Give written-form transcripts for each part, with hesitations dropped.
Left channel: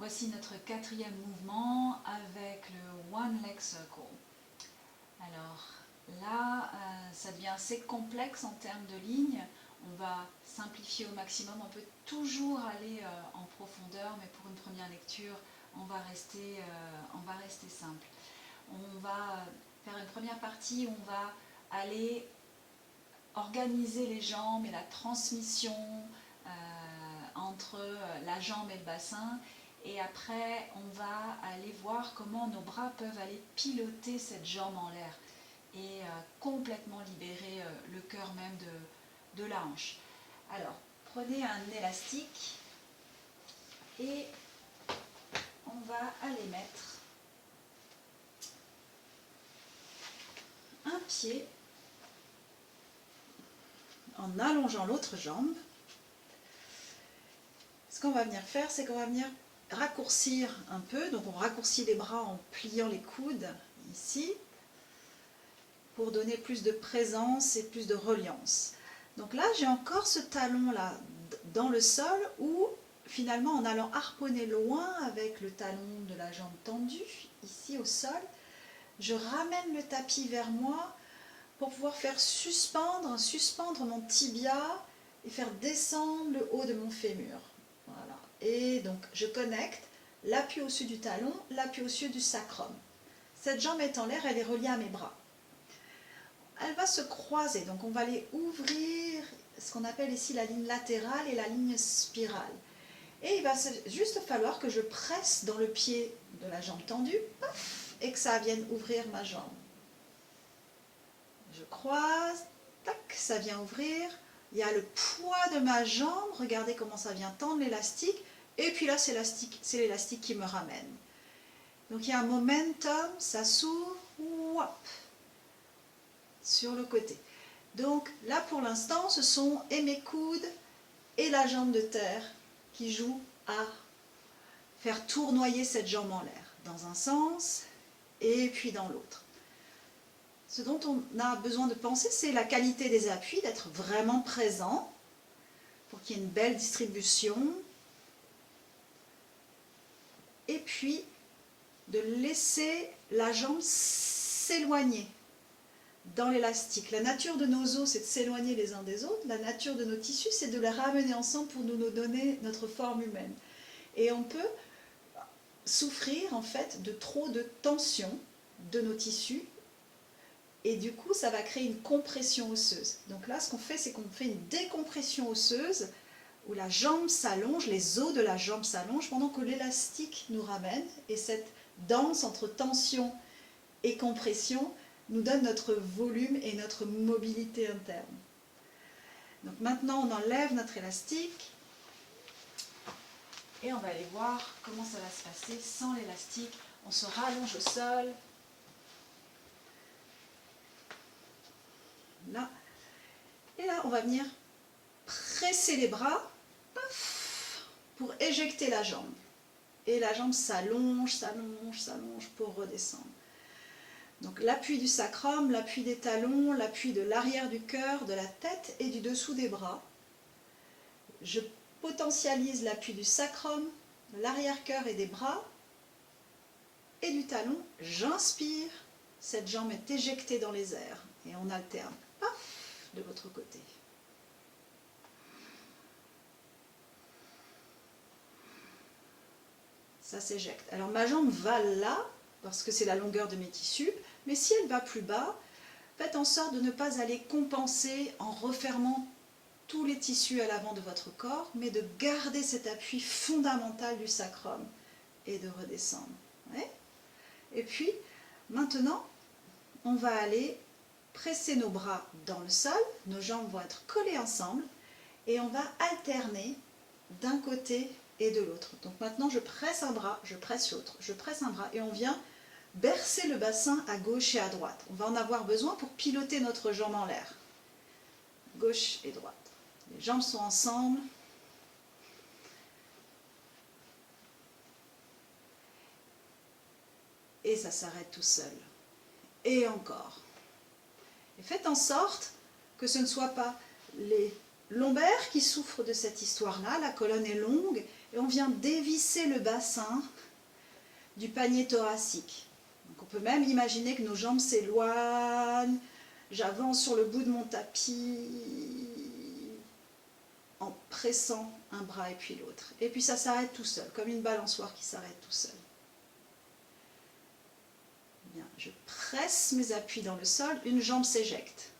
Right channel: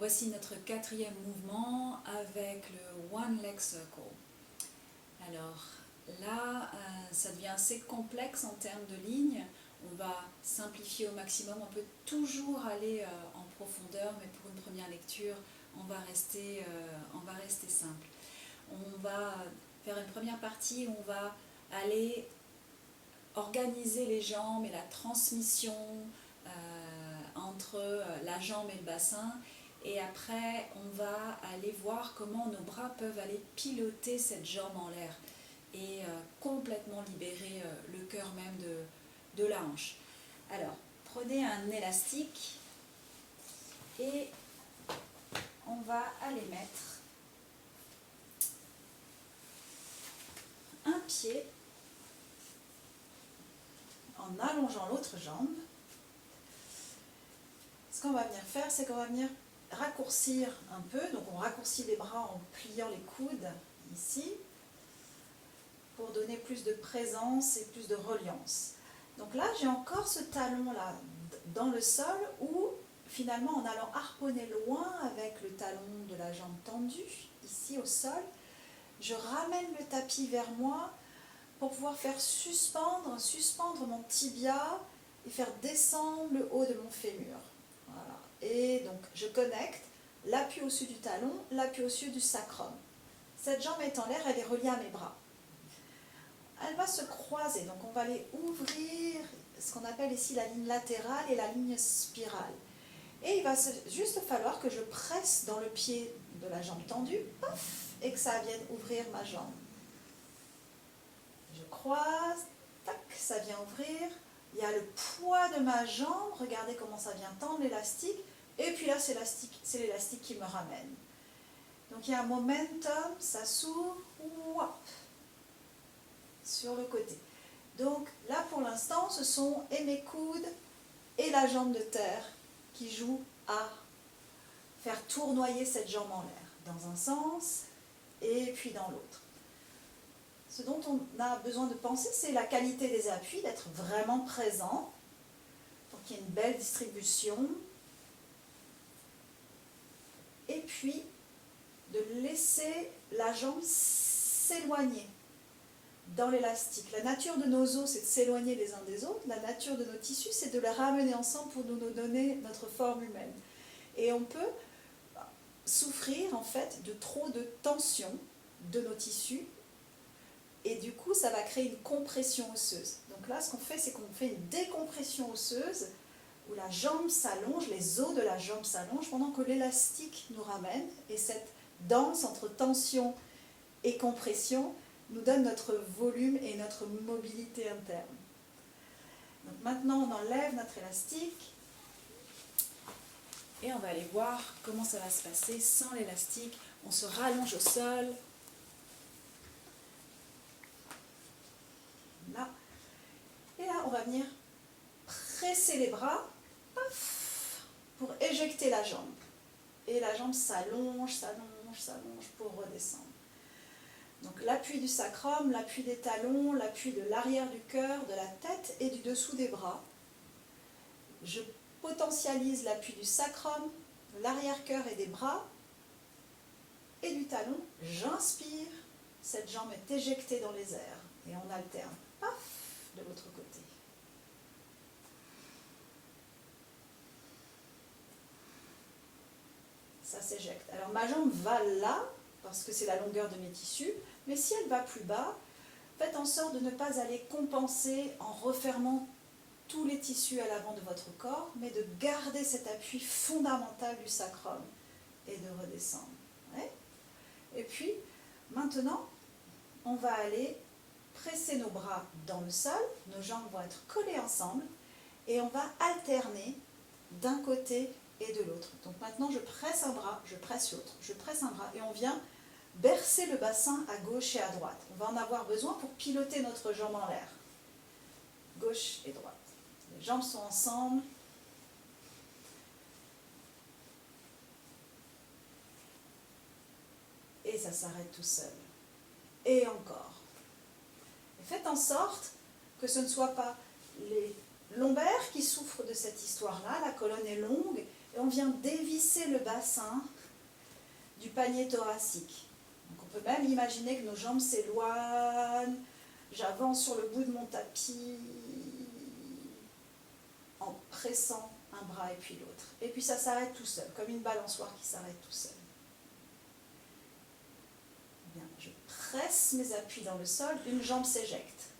Voici notre quatrième mouvement avec le One Leg Circle. Alors là, ça devient assez complexe en termes de lignes. On va simplifier au maximum. On peut toujours aller en profondeur, mais pour une première lecture, on va rester simple. On va faire une première partie où on va aller organiser les jambes et la transmission entre la jambe et le bassin. Et après, on va aller voir comment nos bras peuvent aller piloter cette jambe en l'air et complètement libérer le cœur même de la hanche. Alors, prenez un élastique et on va aller mettre un pied en allongeant l'autre jambe. Ce qu'on va venir faire, c'est qu'on va venir raccourcir un peu. Donc on raccourcit les bras en pliant les coudes ici pour donner plus de présence et plus de reliance. Donc là, j'ai encore ce talon là dans le sol où finalement en allant harponner loin avec le talon de la jambe tendue ici au sol, je ramène le tapis vers moi pour pouvoir faire suspendre mon tibia et faire descendre le haut de mon fémur. Voilà. Et donc je connecte l'appui au-dessus du talon, l'appui au-dessus du sacrum. Cette jambe est en l'air, elle est reliée à mes bras. Elle va se croiser, donc on va aller ouvrir ce qu'on appelle ici la ligne latérale et la ligne spirale. Et il va juste falloir que je presse dans le pied de la jambe tendue, paf, et que ça vienne ouvrir ma jambe. Je croise, tac, ça vient ouvrir. Il y a le poids de ma jambe, regardez comment ça vient tendre l'élastique. Et puis là, c'est l'élastique qui me ramène. Donc il y a un momentum, ça s'ouvre, whop, sur le côté. Donc là, pour l'instant, ce sont et mes coudes et la jambe de terre qui jouent à faire tournoyer cette jambe en l'air, dans un sens et puis dans l'autre. Ce dont on a besoin de penser, c'est la qualité des appuis, d'être vraiment présent pour qu'il y ait une belle distribution. Et puis, de laisser la jambe s'éloigner dans l'élastique. La nature de nos os, c'est de s'éloigner les uns des autres. La nature de nos tissus, c'est de les ramener ensemble pour nous donner notre forme humaine. Et on peut souffrir, en fait, de trop de tension de nos tissus. Et du coup, ça va créer une compression osseuse. Donc là, ce qu'on fait, c'est qu'on fait une décompression osseuse où la jambe s'allonge, les os de la jambe s'allongent pendant que l'élastique nous ramène. Et cette danse entre tension et compression nous donne notre volume et notre mobilité interne. Donc maintenant, on enlève notre élastique et on va aller voir comment ça va se passer sans l'élastique. On se rallonge au sol. Là. Et là, on va venir presser les bras pour éjecter la jambe. Et la jambe s'allonge, s'allonge, s'allonge pour redescendre. Donc l'appui du sacrum, l'appui des talons, l'appui de l'arrière du cœur, de la tête et du dessous des bras. Je potentialise l'appui du sacrum, de l'arrière-cœur et des bras et du talon. J'inspire, cette jambe est éjectée dans les airs et on alterne. Paf, de l'autre côté. Ça s'éjecte. Alors ma jambe va là, parce que c'est la longueur de mes tissus, mais si elle va plus bas, faites en sorte de ne pas aller compenser en refermant tous les tissus à l'avant de votre corps, mais de garder cet appui fondamental du sacrum et de redescendre. Ouais. Et puis, maintenant, on va aller presser nos bras dans le sol, nos jambes vont être collées ensemble et on va alterner d'un côté et de l'autre. Donc maintenant je presse un bras, je presse l'autre, je presse un bras et on vient bercer le bassin à gauche et à droite. On va en avoir besoin pour piloter notre jambe en l'air. Gauche et droite. Les jambes sont ensemble. Et ça s'arrête tout seul. Et encore. Et faites en sorte que ce ne soit pas les lombaires qui souffrent de cette histoire-là, la colonne est longue, Et on vient dévisser le bassin du panier thoracique. Donc on peut même imaginer que nos jambes s'éloignent. J'avance sur le bout de mon tapis en pressant un bras et puis l'autre. Et puis ça s'arrête tout seul, comme une balançoire qui s'arrête tout seul. Bien, je presse mes appuis dans le sol, une jambe s'éjecte.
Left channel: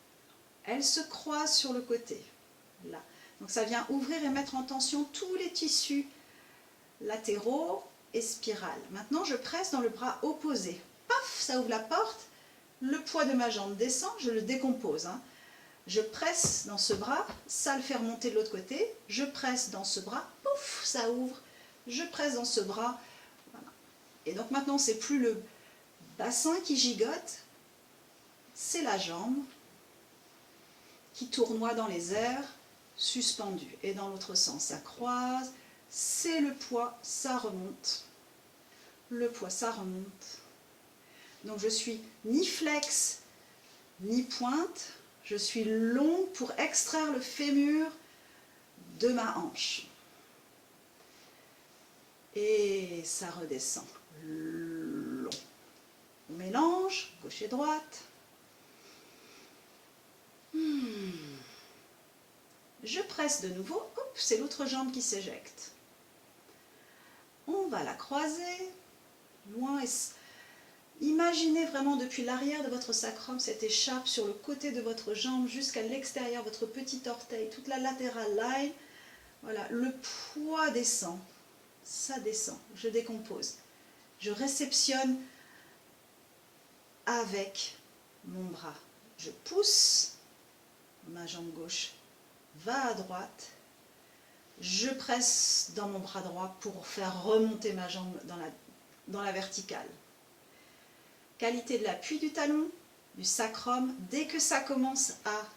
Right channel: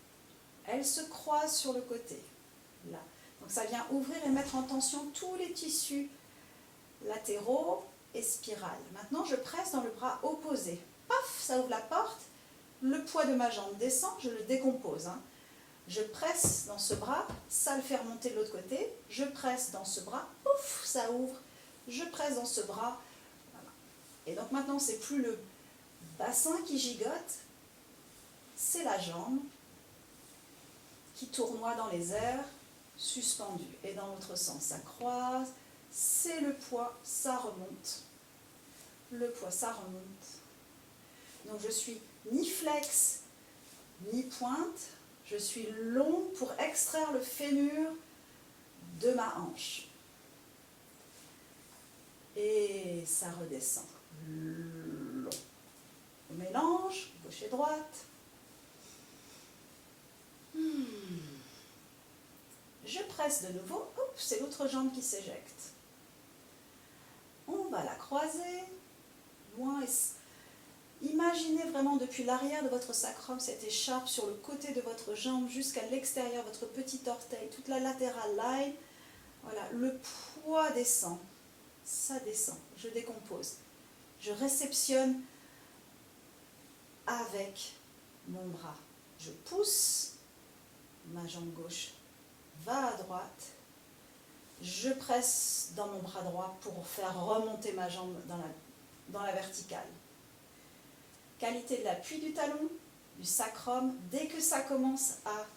Elle se croise sur le côté, là. Donc ça vient ouvrir et mettre en tension tous les tissus latéraux et spirales. Maintenant, je presse dans le bras opposé. Paf, ça ouvre la porte. Le poids de ma jambe descend, je le décompose. Je presse dans ce bras, ça le fait remonter de l'autre côté. Je presse dans ce bras, pouf, ça ouvre. Je presse dans ce bras. Voilà. Et donc maintenant, c'est plus le bassin qui gigote, c'est la jambe qui tournoie dans les airs, suspendue. Et dans l'autre sens, ça croise, c'est le poids, ça remonte. Le poids, ça remonte. Donc je suis ni flex, ni pointe, je suis long pour extraire le fémur de ma hanche. Et ça redescend. Long. On mélange, gauche et droite. Je presse de nouveau, hop, c'est l'autre jambe qui s'éjecte. On va la croiser, loin. Imaginez vraiment depuis l'arrière de votre sacrum cette écharpe sur le côté de votre jambe jusqu'à l'extérieur, votre petit orteil, toute la lateral line. Voilà, le poids descend, ça descend, je décompose. Je réceptionne avec mon bras. Je pousse, ma jambe gauche va à droite. Je presse dans mon bras droit pour faire remonter ma jambe dans la verticale. Qualité de l'appui du talon, du sacrum. Dès que ça commence à...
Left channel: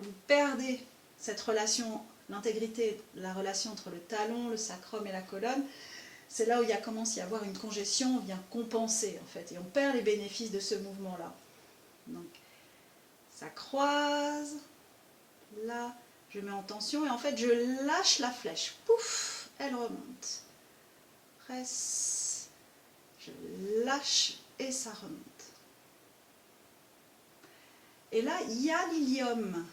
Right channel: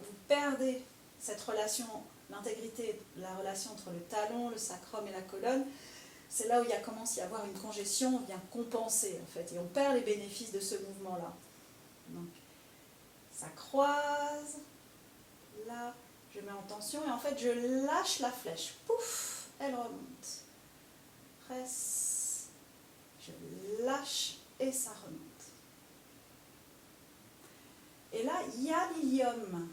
Vous perdez cette relation, l'intégrité, la relation entre le talon, le sacrum et la colonne, c'est là où commence à y avoir une congestion, on vient compenser en fait. Et on perd les bénéfices de ce mouvement-là. Donc, ça croise, là, je mets en tension et en fait je lâche la flèche. Pouf, elle remonte. Presse, je lâche et ça remonte. Et là, il y a l'ilium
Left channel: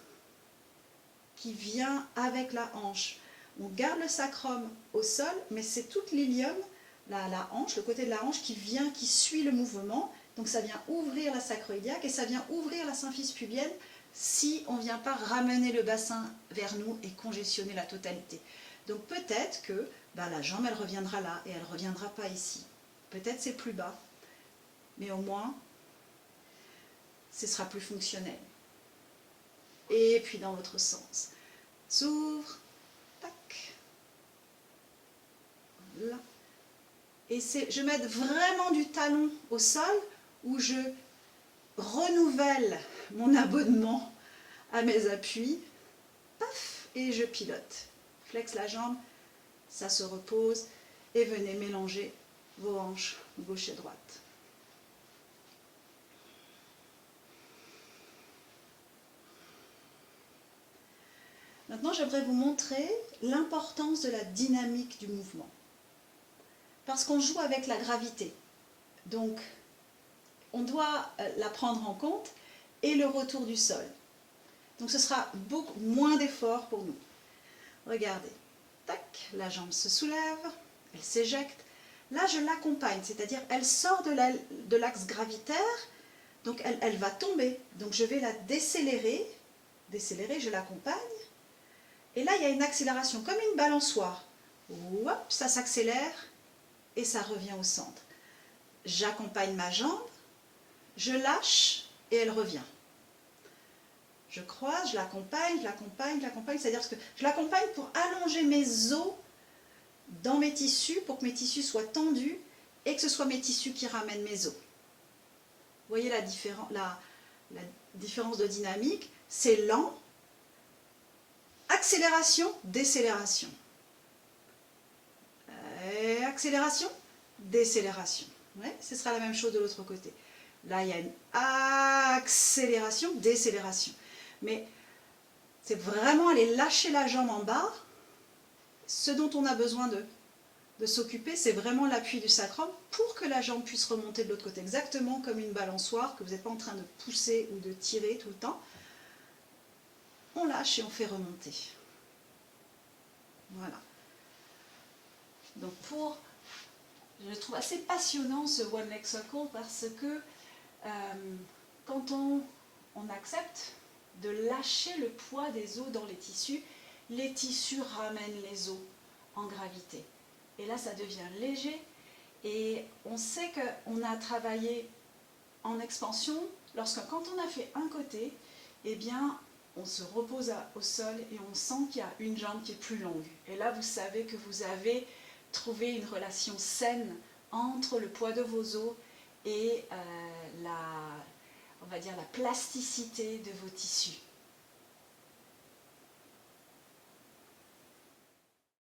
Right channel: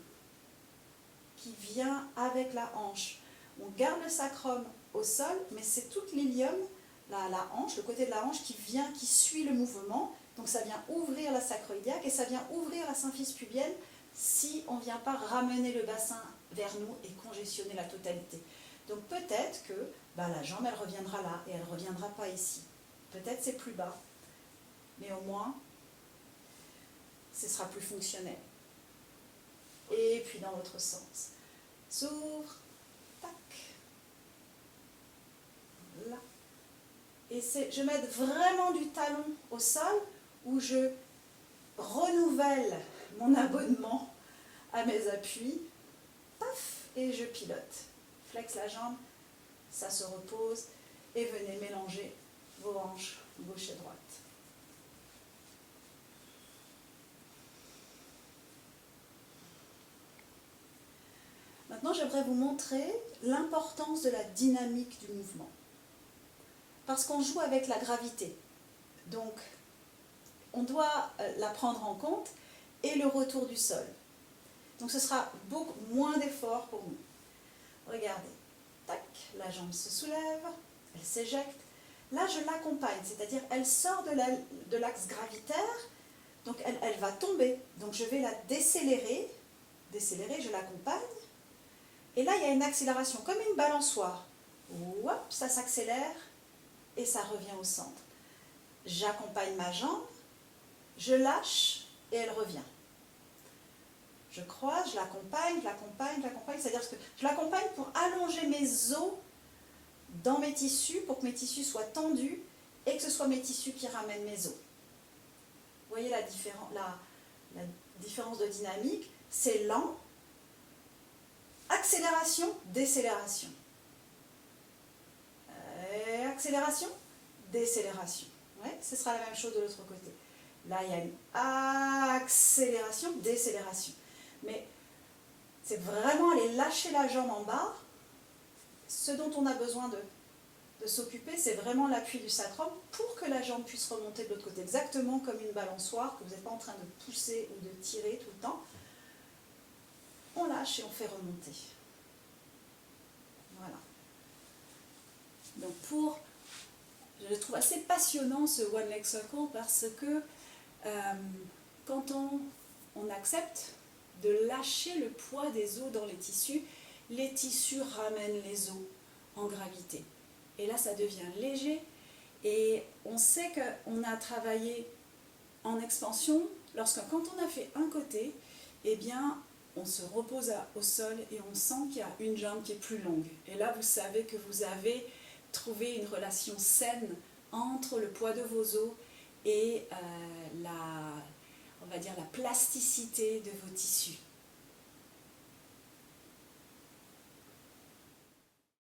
qui vient avec la hanche. On garde le sacrum au sol, mais c'est toute l'ilium, la hanche, le côté de la hanche qui suit le mouvement. Donc ça vient ouvrir la sacroiliaque et ça vient ouvrir la symphyse pubienne si on ne vient pas ramener le bassin vers nous et congestionner la totalité. Donc peut-être que la jambe, elle reviendra là et elle ne reviendra pas ici. Peut-être c'est plus bas, mais au moins, ce sera plus fonctionnel. Et puis dans l'autre sens. S'ouvre, tac, là. Et je mets vraiment du talon au sol où je renouvelle mon abonnement à mes appuis, paf, et je pilote. Flex la jambe, ça se repose, et venez mélanger vos hanches gauche et droite. Maintenant, j'aimerais vous montrer l'importance de la dynamique du mouvement. Parce qu'on joue avec la gravité. Donc, on doit la prendre en compte et le retour du sol. Donc, ce sera beaucoup moins d'efforts pour nous. Regardez. Tac, la jambe se soulève, elle s'éjecte. Là, je l'accompagne, c'est-à-dire elle sort de l'axe gravitaire, donc elle va tomber. Donc, je vais la décélérer, je l'accompagne. Et là, il y a une accélération, comme une balançoire. Hop, ça s'accélère et ça revient au centre. J'accompagne ma jambe, je lâche et elle revient. Je croise, je l'accompagne, c'est-à-dire que je l'accompagne pour allonger mes os dans mes tissus, pour que mes tissus soient tendus et que ce soit mes tissus qui ramènent mes os. Vous voyez la différence de dynamique, c'est lent. Accélération, décélération. Accélération, décélération. Ouais, ce sera la même chose de l'autre côté. Là, il y a une accélération, décélération. Mais c'est vraiment aller lâcher la jambe en bas, ce dont on a besoin de de s'occuper, c'est vraiment l'appui du sacrum pour que la jambe puisse remonter de l'autre côté, exactement comme une balançoire, que vous n'êtes pas en train de pousser ou de tirer tout le temps. On lâche et on fait remonter. Voilà. Donc je trouve assez passionnant ce One Leg Circle parce que quand on accepte de lâcher le poids des os dans les tissus ramènent les os en gravité. Et là, ça devient léger et on sait qu'on a travaillé en expansion quand on a fait un côté, eh bien, on se repose au sol et on sent qu'il y a une jambe qui est plus longue. Et là, vous savez que vous avez trouvé une relation saine entre le poids de vos os et on va dire la plasticité de vos tissus.